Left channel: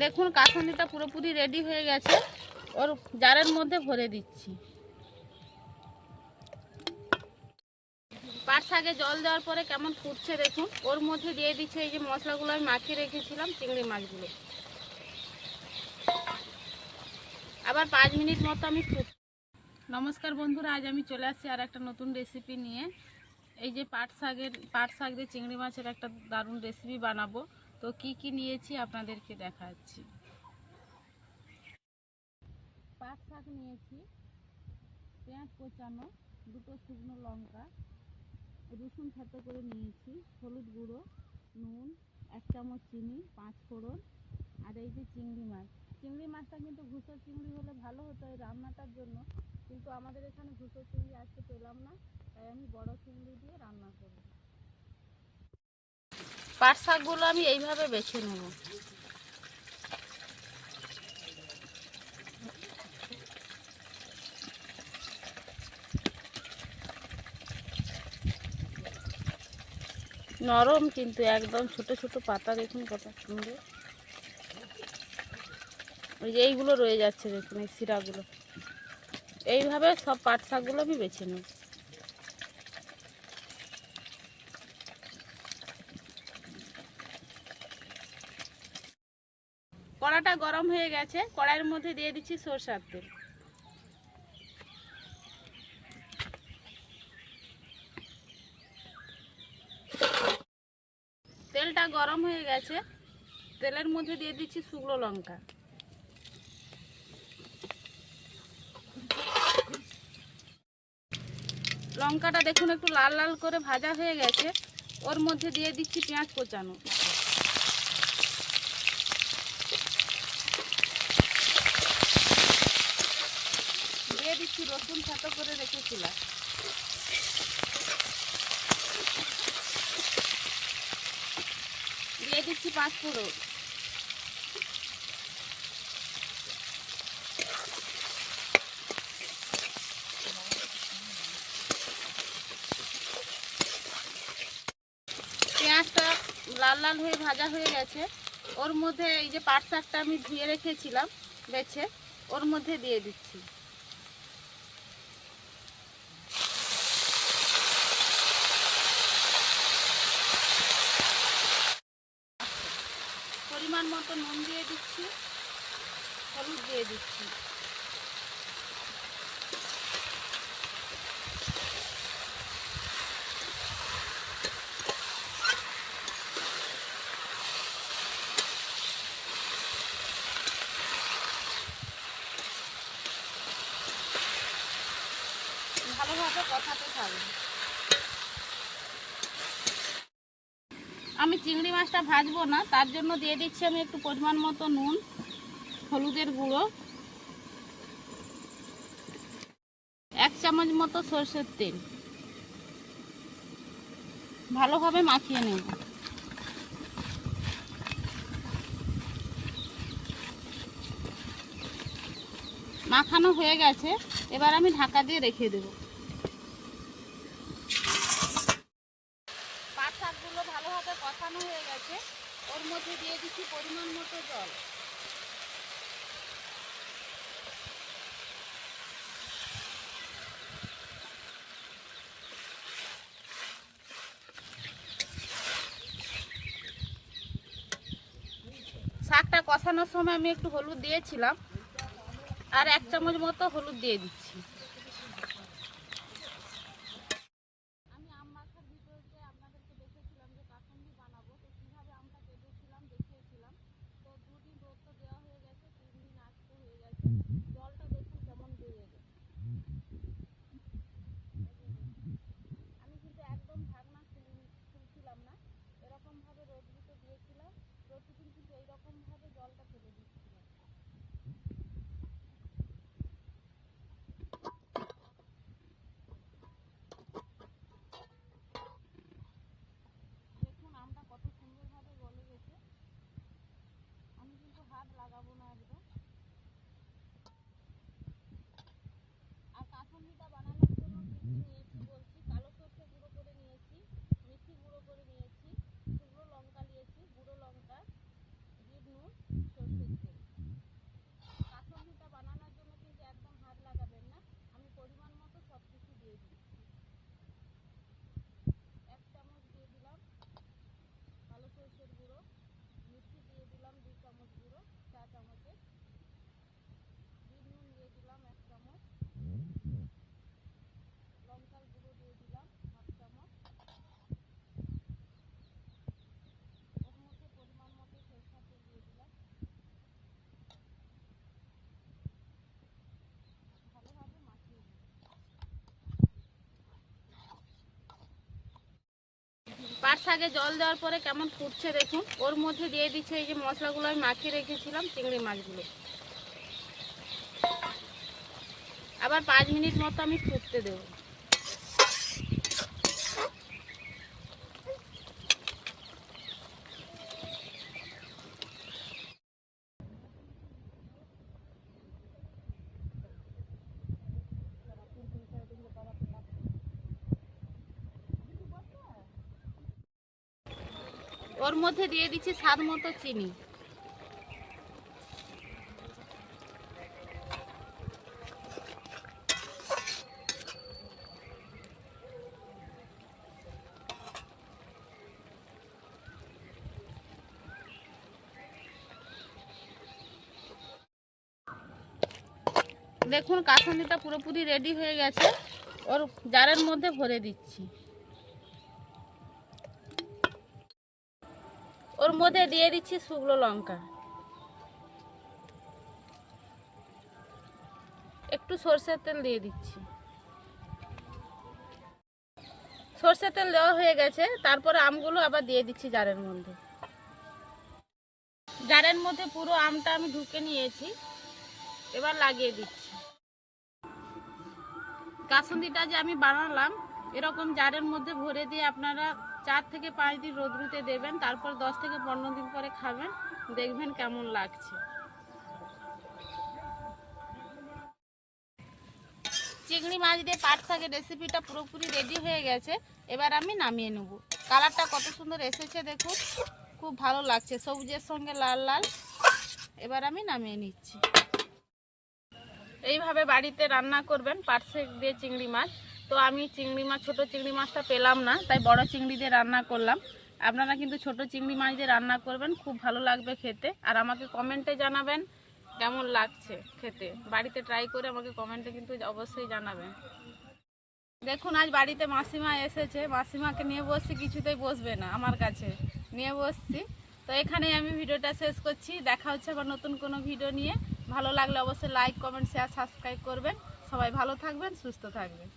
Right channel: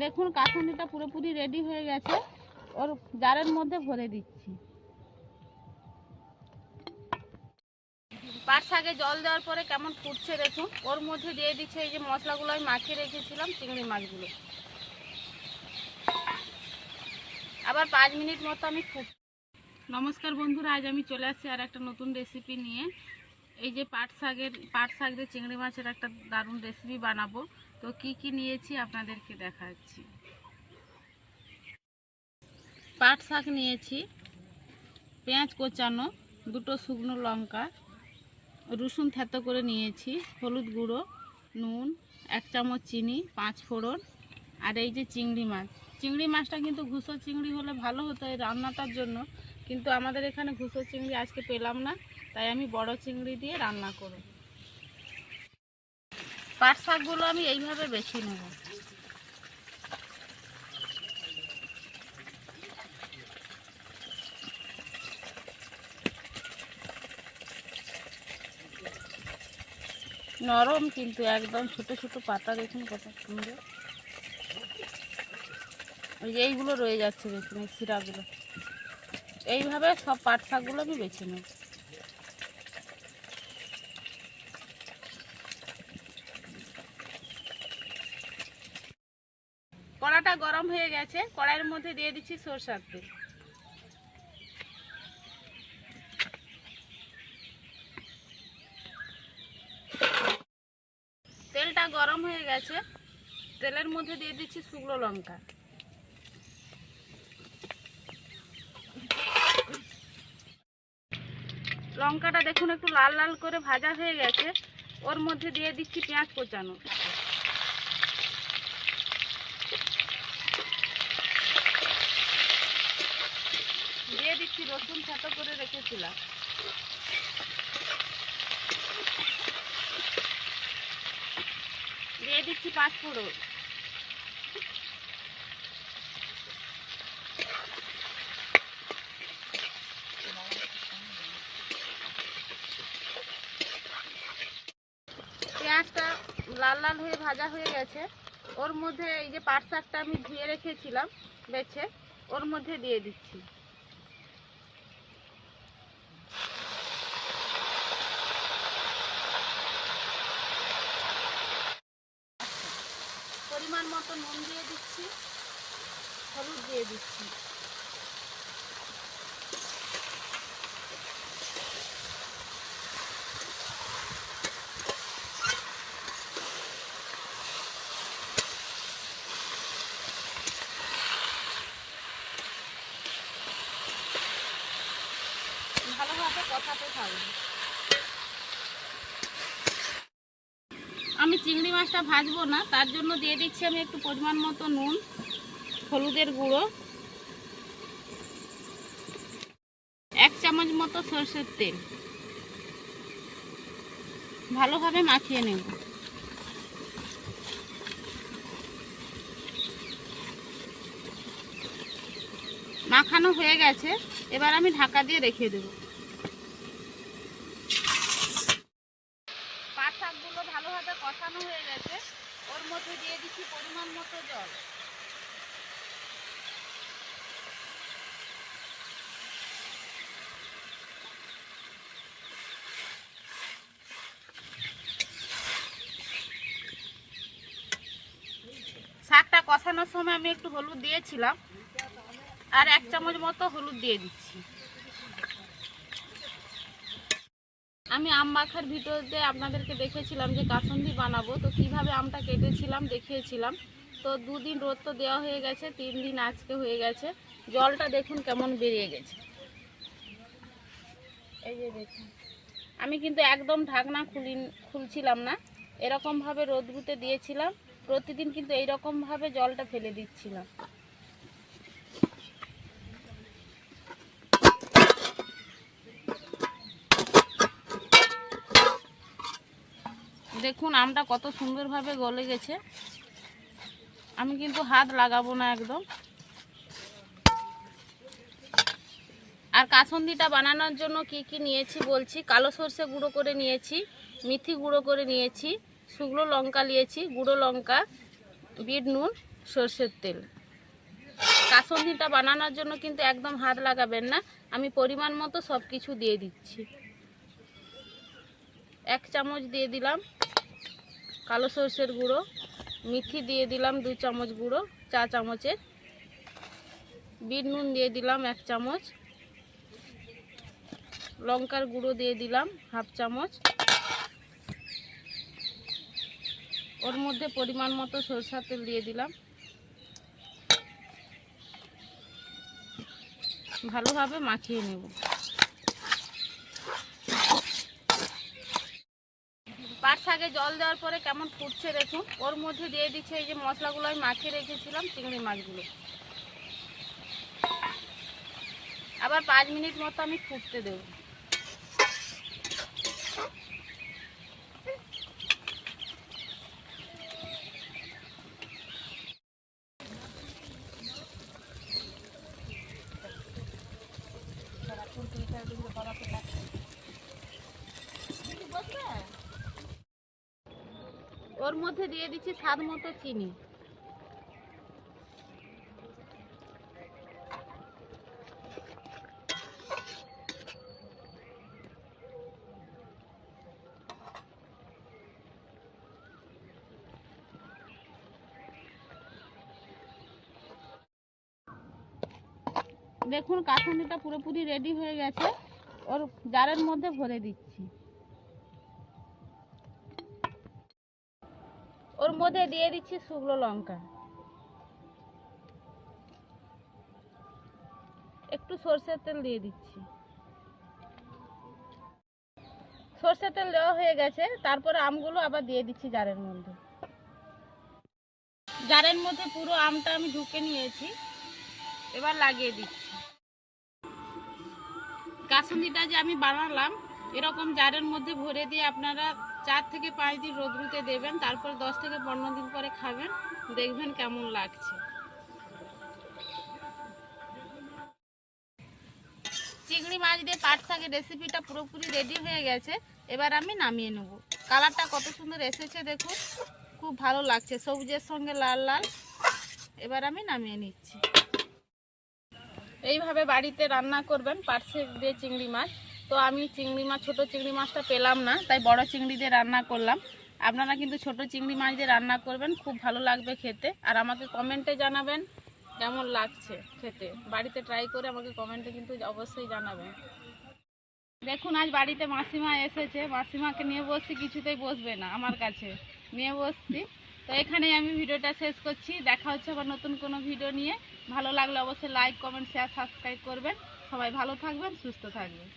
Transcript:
দেখুন কাসুন্দিটা পুরোপুরি রেডি হয়ে গেছে, ওর জারের মধ্যে ভরে দিচ্ছি। পাট শাকে জল দেওয়ার পরে কেমন ফুটছে দেখুন। ওর মধ্যে দিয়ে দিচ্ছে এই যে মশলাগুলো আমি মাখিয়ে রেখেছিলাম, চিংড়ি মাছগুলো। আবার 5 মিনিট মতো আমি নমস্কার বন্ধুরা, আজ আমি চলে আসছি আর একটা নতুন রেসিপি নিয়ে। এই যে পাট শাক দিয়ে চিংড়ি মাছের একটা দারুণ রেসিপি বানাবো। তো কি কি নিয়েছি আপনাদেরকে দেখাচ্ছি। পাট শাক নিয়েছি, পেঁয়াজ কোচানো, 2টো শুকনো লঙ্কা, রসুন থেতো করে নিয়েছি, হলুদ গুঁড়ো, নুন, 1 চামচ চিনি, 5 ফোড়ন, আর এই যে চিংড়ি মাছটা কিন্তু ঘুষো চিংড়ি হলে ভালো হতো এই রান্নাটার জন্য, কিন্তু আমাদের এখানে ঘুষো চিংড়ি আজকে পেলাম না, তাই আমি বড় চিংড়ি দিয়ে রান্না করব। পাট শাকগুলো আমি এইভাবে বেছে নেব। নরম কিন্তু একদম, ছোট ছোট পাতা দেখুন কত সুন্দর। ওই যে এইগুলো রয়ে যাচ্ছে দেখুন, এই শিরাগুলো। এইভাবে সব পাট শাকগুলো আমি বেছে নেব। কড়াটা গরম হয়ে গেছে, কড়াইয়ের মধ্যে দিয়ে দিচ্ছি সরষের তেল। তেলটা গরম হয়ে গেছে, তেলের মধ্যে দিয়ে দিচ্ছি শুকনো লঙ্কা। লঙ্কাটা দেখুন একটু লাল লাল করে ভাজা হয়ে গেছে, ওর মধ্যে দিয়ে দিচ্ছি পেঁয়াজ কোচানো। দিয়ে দিচ্ছি রসুন থেতো করে রেখেছিলাম। দিয়ে দিচ্ছি 5 ফোড়ন। পেঁয়াজটা লাল লাল হয়ে ভাজা হয়ে গেছে, ওর মধ্যে এই যে পাট শাকটা আমি ধুয়ে রেখেছিলাম বেছে, ওর মধ্যে দিয়ে দিচ্ছি। পরিমাণ মতো নুন দিয়ে দিচ্ছি, হলুদ দিয়ে দিচ্ছি। ভালোভাবে কষাতে থাকবে। আমি চিংড়ি মাছটা ভাজবো না, তার জন্য দিয়ে দিচ্ছি আমি একটু পরিমাণ মতো নুন, হলুদের গুঁড়ো, 1 চামচ মতো সরষের তেল। ভালোভাবে মাখিয়ে নেব। মাখানো হয়ে গেছে, এবার আমি ঢাকা দিয়ে রেখে দেব। পাট শাকগুলো ভালোভাবে কষানো হয়ে গেছে, ওর মধ্যে দিয়ে দিচ্ছি পরিমাণ মতো জল। শাকটা কষানোর সময় আমি একটু হলুদ দিয়েছিলাম, আর 1 চামচ মতো হলুদ দিয়ে দিচ্ছি। আমি আম মাখার ভিডিওতে আপনাদেরকে দেখেছিলাম যে কাসুন্দি বানাবো, তো কিভাবে আমটা কেটেছিলাম দেখিয়েছিলাম। তো 2 দিন রোদ তো দেওয়া হয়ে গেছে, 3 দিন আজকে হয়ে গেছে। জলটা দেখুন কেমন বেরিয়ে গেছে। এই যে দেখুন, আমি কিন্তু একদম ঢাকনা খুলছিলাম না, এরকমভাবে রোদ্রুতে দিয়েছিলাম। প্রতিদিন কিন্তু এইরকমভাবে জলটা ফেলে দিচ্ছিলাম। দেখুন আমটা কত সুন্দরভাবে গলে গেছে। আমি কিন্তু হাত লাগাবো না একদম। আর কাসুন্দিটা বানানোর জন্য কি কি নিয়েছি বলছি। কালো সরষে গুঁড়ো করে নিয়েছি, মেথি গুঁড়ো করে নিয়েছি, শুকনো লঙ্কা নিয়েছি, গুঁড়ো লঙ্কা, বিট নুন, সরষের তেল। কাসুন্দিটা বানানোর জন্য কিন্তু একদম হাত লাগাবেন না। আমি পরিমাণ মতো সব কিছু দিয়ে দিচ্ছি। 1 চামচ দিয়ে দিলাম কালো সরষের গুঁড়ো, মিথি দিয়ে দিলাম 2 চামচ গুঁড়ো চা চামচের, বিট নুন দিয়ে দিলাম 1 চামচ, লঙ্কার গুঁড়ো দিয়ে দিলাম 1/2 চামচ, ওর মধ্যে পরিমাণ মতো সরষের তেল দিয়ে দিলাম। ভালোভাবে মাখিয়ে নেব। পাট শাকে জল দেওয়ার পরে কেমন ফুটছে দেখুন। ওর মধ্যে দিয়ে দিচ্ছে এই যে মশলাগুলো আমি মাখিয়ে রেখেছিলাম, চিংড়ি মাছগুলো। আবার 5 মিনিট মতো আমি ফুটতে দেব। ওর মধ্যে দিয়ে দিচ্ছি স্বাদ মতো চিনি। দেখুন কাসুন্দিটা পুরোপুরি রেডি হয়ে গেছে। ওর জারের মধ্যে ভরে দিচ্ছি। ওর মধ্যে দিয়ে দিচ্ছি শুকনো লঙ্কা, একটু সরষের তেল দিয়ে দিচ্ছি। সরষের তেল দেওয়া হয়ে গেছে, তারপরে আমগুলো আবার দিয়ে দিচ্ছি জারের মধ্যে। জারের মধ্যে পুরো আমটা আমি ঢুকে নিয়েছি, এবার লাগিয়ে দিচ্ছি। কাসুন্দিটা যে আমি বানালাম এরকম জারের মধ্যে ভরে দিয়ে আপনারা 4 থেকে 5 দিন রোদ্রুতে দেবেন, তারপর 10 থেকে 15 দিন পরে খাবেন, দেখবেন কেমন লাগছে। চিংড়ি মাছ দিয়ে পাট শাকের রেসিপিটা পুরোপুরি রেডি হয়ে গেছে। এবার আমি নামিয়ে নেব। কালারটা কত সুন্দর এসেছে দেখুন, খুব ভালো লাগছে, সবুজের সঙ্গে লাল লাল। এবার আমি নামিয়ে নিচ্ছি। এইভাবে বাড়িতে রান্না করবেন পাট শাক দিয়ে চিংড়ি মাছ। তো আমি চিংড়ি মাছ, ছোটো চিংড়ি মাছটা পেলাম না, তাই বড় চিংড়ি দিয়ে রান্না করলাম। আপনারা কিন্তু ছোটো চিংড়ি মাছ দিয়ে রান্না করবেন, খুব ভালো লাগবে খেতে। আর আমাকে কমেন্টে জানাবেন কেমন লাগছে খেতে। বাড়িতে ট্রাই করে আমাকে কমেন্টে কিন্তু অবশ্যই জানাবেন। দেখুন আজ বাড়িতে মাসিমা এসেছে, মাসিমাকে নিয়ে বসছি, কিছুতেই বসবে না আমার কাছে, নিয়ে বসছি। তো এখানেই আমি ভিডিওটা শেষ করছি। দেখা হচ্ছে আবার নতুন কোনো ভিডিও নিয়ে। ভালো লাগলে অবশ্যই লাইক, কমেন্ট, শেয়ার, সাবস্ক্রাইব করবেন। সবাই ভালো থাকবেন, সুস্থ থাকবেন।